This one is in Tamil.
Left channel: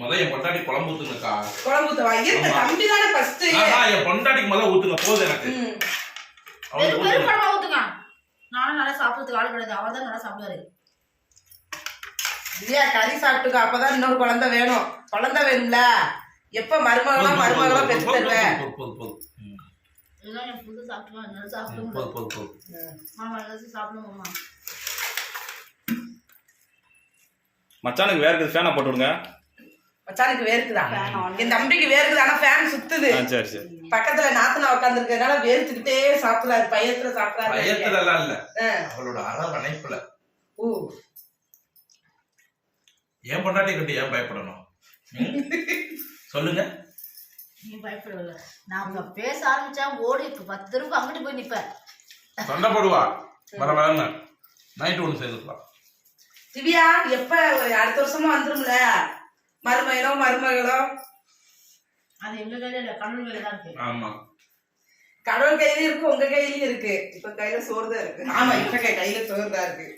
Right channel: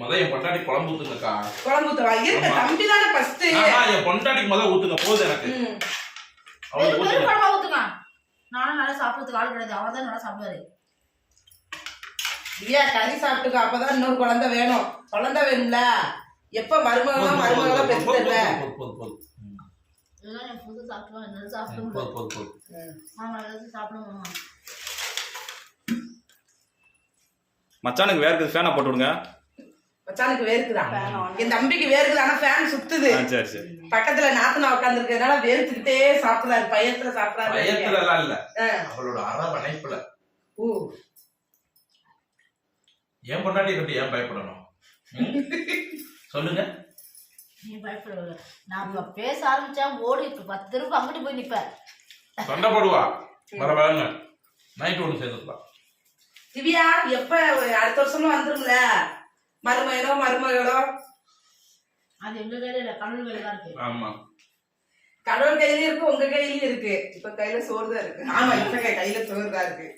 முத என் பொண்டாட்டி குழம்பு ஊத்துங்கக்கா. குழம்பு ஊத்தவா? இருக்க. தம்பி தானே ஃபர்ஸ்ட் என் பொண்டாட்டிக்கு முத ஊத்துங்க போதும் எனக்கு. அவளுக்கு ஊத்துங்க. குழம்பா ஊத்துங்க? நானும் நல்லா சாப்பிடுறதுக்கு ஆள் கிடையாது. அவர் தான் நல்லா சாப்பிடுவாரு. திவ்யா கறி சாப்பிட்டுக்கோ. அப்பதான் இன்னொரு குழந்தை வேணும். குழந்தை வேணும்ல? எப்ப மருமகளா மருமகளா போதும், பெற்று போதும், தருவேன். போதும், போதும், போதும். ம், இதெல்லாம் என் புது சாப்பிடுவேன் என்னால ம், சாப்பிட போதும், முடியாது. போதும், போதும். ஆமா எல்லாத்தையும் சாப்பிடுவோம்மா மச்சானுக்கு வேற இருக்குது ஃபேனை போட்டு விடுங்க? மச்சானுக்கு வேர்க்குதா? என் தம்பிக்கு வேர்க்குது? ஆனா ஃபேன் சுத்துது. சரி சரி. பக்கத்துல நாத்தனா உட்காந்துருக்கனால வேர்த்துக்கிட்டே சாப்பிடுறாரு பயத்துல சாப்பிடுறாரு. பயத்துல எல்லாம் இல்ல. அவளோட அரவணைப்புல. ஊ. என் பொண்டாட்டி கட்டி ஏன் பயப்படணும்? சொல்லுங்க. நீ பயப்படல நான் இப்ப பேச ஆரம்பிச்சா ஓடி இப்ப பத்து தடவை அங்கிட்டு போய் நிப்பேன். சண்டை போடுவா வர வரன்னு. நைட்டு ஒன்று சேர்ந்துக்கலாம் திவ்யா எப்ப அடுத்த வருஷமா வந்துரும்ல? மருமகனோ மருமகளோ? அது எங்க கையில இல்ல கடவுள் கையில தான் இருக்கு. ஆமா. கடவுள் கையிலயும் இருக்கு உங்க கையிலயும் இருக்கு. இப்ப கையில சோறு தான் இருக்கு. ஆமா இப்ப கை- கையில சோறு தான் இருக்கு.